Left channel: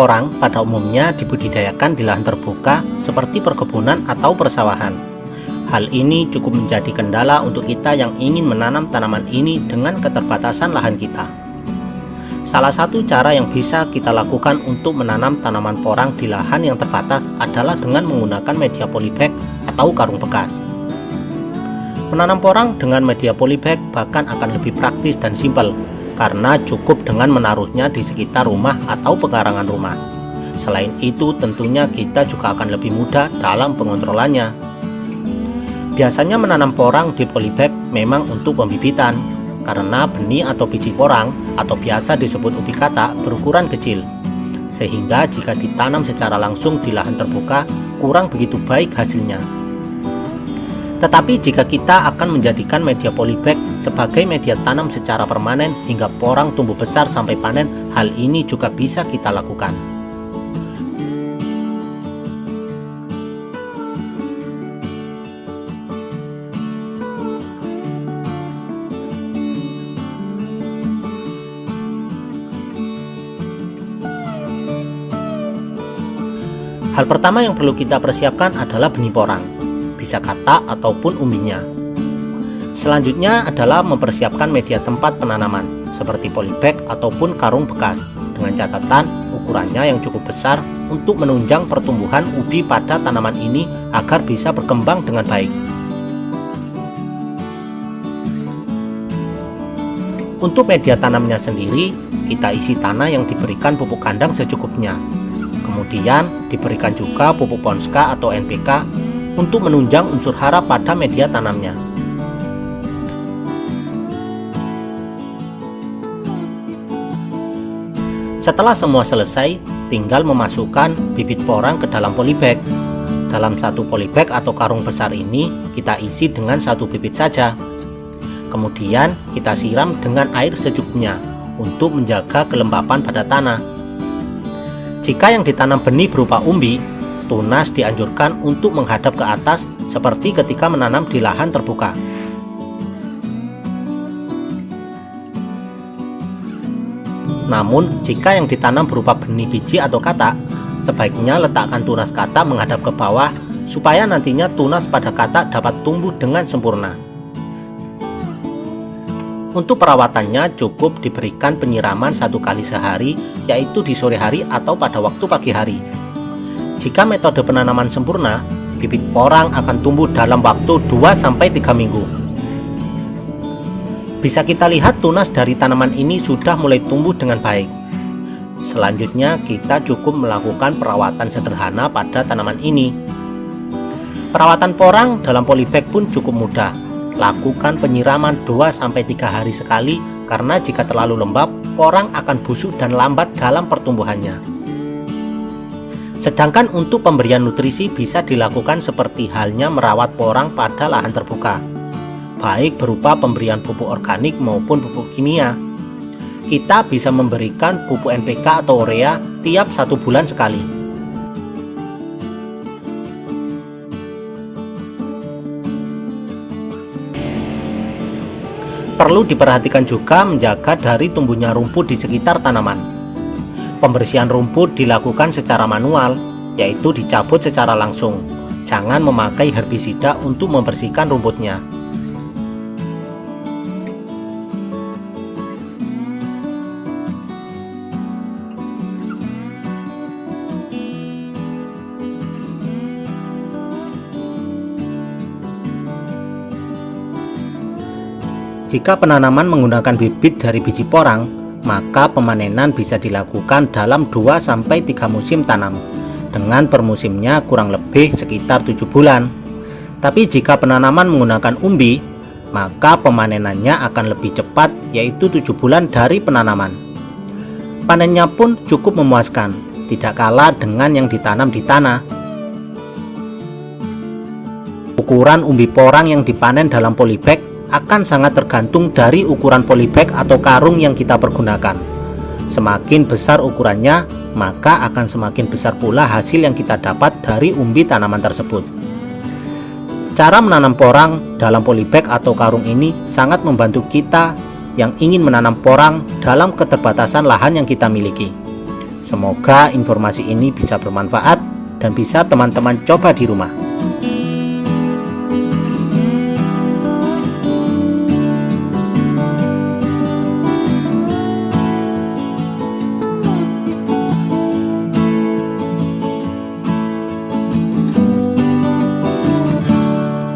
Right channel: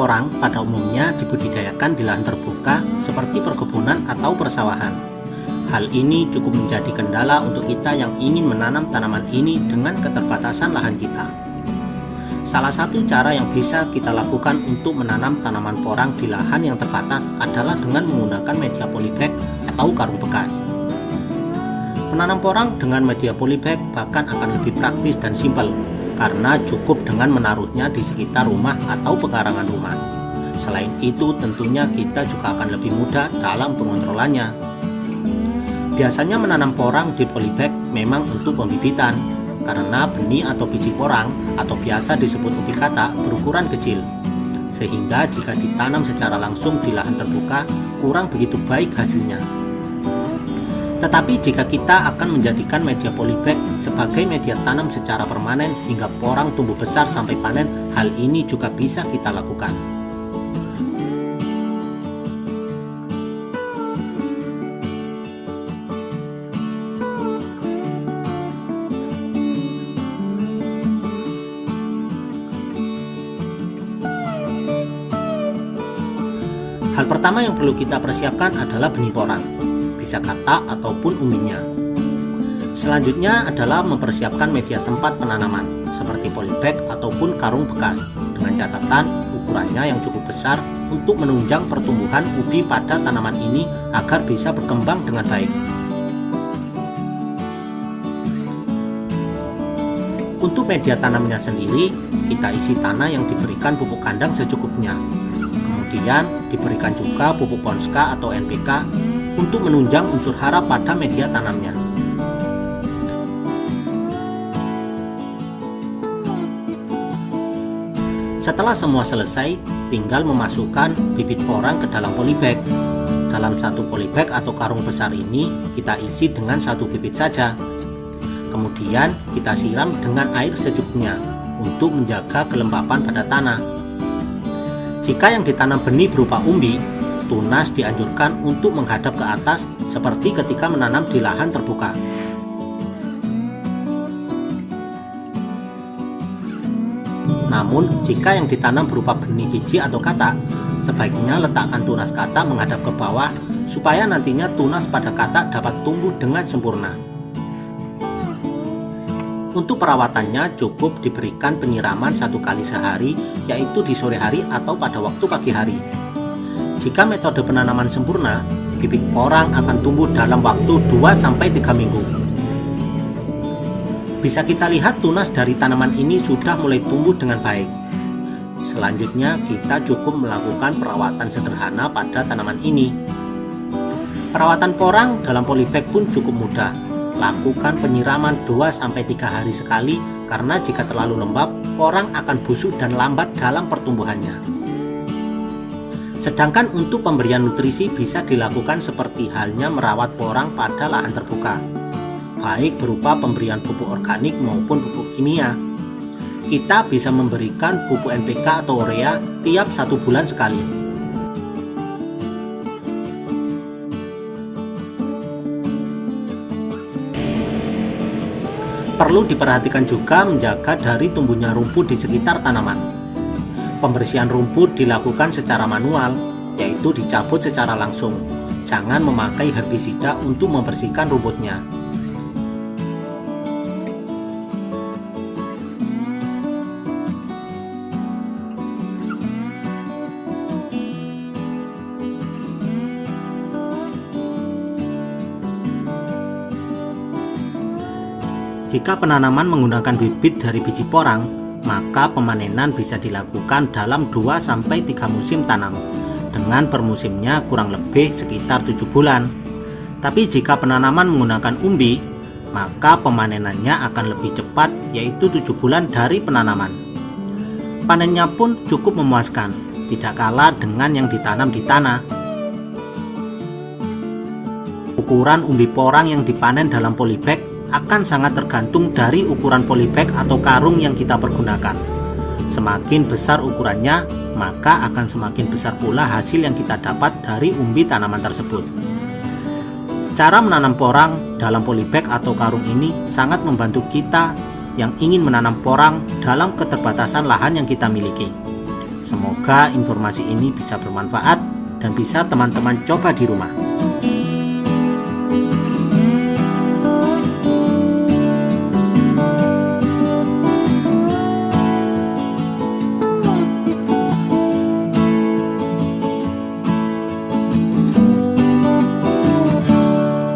porang pada umumnya dibudidayakan di lahan terbuka seperti perkebunan atau persawahan. Hal ini cukup menjadi kendala untuk kita yang ingin menanam tanaman ini dengan keterbatasan lahan kita. Salah satu cara yang bisa kita lakukan untuk menanam tanaman porang di lahan yang terbatas adalah dengan menggunakan media polybag atau karung bekas. Menanam porang dengan media polybag bahkan akan lebih praktis dan simpel, karena cukup dengan menaruhnya di sekitar rumah atau pekarangan rumah. Selain itu, tentunya kita juga akan lebih mudah dalam pengontrolannya. Biasanya menanam porang di polybag memang untuk pembibitan, karena benih atau biji porang atau biasa disebut ubi katak berukuran kecil, sehingga jika ditanam secara langsung di lahan terbuka kurang begitu baik hasilnya. Tetapi jika kita akan menjadikan media polybag sebagai media tanam secara permanen hingga porang tumbuh besar sampai panen, hal ini juga bisa kita lakukan. Hal pertama yang perlu kita persiapkan adalah benih porang, bisa katak ataupun umbinya. Selanjutnya adalah mempersiapkan media tempat penanaman seperti polybag ataupun karung bekas dengan catatan ukurannya yang cukup besar untuk menunjang pertumbuhan ubi pada tanaman ini agar bisa berkembang dengan baik. Untuk media tanamnya sendiri, kita isi tanah yang diberikan pupuk kandang secukupnya. Kemudian diberikan juga pupuk Ponska atau NPK untuk menunjang unsur hara pada media tanamnya. Setelah semua selesai, tinggal memasukkan bibit porang ke dalam polybag. Dalam satu polybag atau karung besar ini, kita isi dengan satu bibit saja. Kemudian kita siram dengan air secukupnya untuk menjaga kelembapan pada tanah. Jika yang ditanam benih berupa umbi, tunas dianjurkan untuk menghadap ke atas seperti ketika menanam di lahan terbuka. Namun, jika yang ditanam berupa benih biji atau katak, sebaiknya letakkan tunas katak menghadap ke bawah supaya nantinya tunas pada katak dapat tumbuh dengan sempurna. Untuk perawatannya cukup diberikan penyiraman 1 kali sehari, yaitu di sore hari atau pada waktu pagi hari. Jika metode penanaman sempurna, bibit porang akan tumbuh dalam waktu 2-3 minggu. Bisa kita lihat tunas dari tanaman ini sudah mulai tumbuh dengan baik. Selanjutnya kita cukup melakukan perawatan sederhana pada tanaman ini. Perawatan porang dalam polybag pun cukup mudah. Lakukan penyiraman 2-3 hari sekali, karena jika terlalu lembab, porang akan busuk dan lambat dalam pertumbuhannya. Sedangkan untuk pemberian nutrisi bisa dilakukan seperti halnya merawat porang pada lahan terbuka, baik berupa pemberian pupuk organik maupun pupuk kimia. Kita bisa memberikan pupuk NPK atau urea tiap 1 bulan sekali. Perlu diperhatikan juga menjaga dari tumbuhnya rumput di sekitar tanaman. Pembersihan rumput dilakukan secara manual, yaitu dicabut secara langsung. Jangan memakai herbisida untuk membersihkan rumputnya. Jika penanaman menggunakan bibit dari biji porang, maka pemanenan bisa dilakukan dalam 2-3 musim tanam, dengan per musimnya kurang lebih sekitar 7 bulan. Tapi jika penanaman menggunakan umbi, maka pemanenannya akan lebih cepat, yaitu 7 bulan dari penanaman. Panennya pun cukup memuaskan, tidak kalah dengan yang ditanam di tanah. Ukuran umbi porang yang dipanen dalam polybag akan sangat tergantung dari ukuran polybag atau karung yang kita pergunakan. Semakin besar ukurannya, maka akan semakin besar pula hasil yang kita dapat dari umbi tanaman tersebut. Cara menanam porang dalam polybag atau karung ini sangat membantu kita yang ingin menanam porang dalam keterbatasan lahan yang kita miliki. Semoga informasi ini bisa bermanfaat dan bisa teman-teman coba di rumah.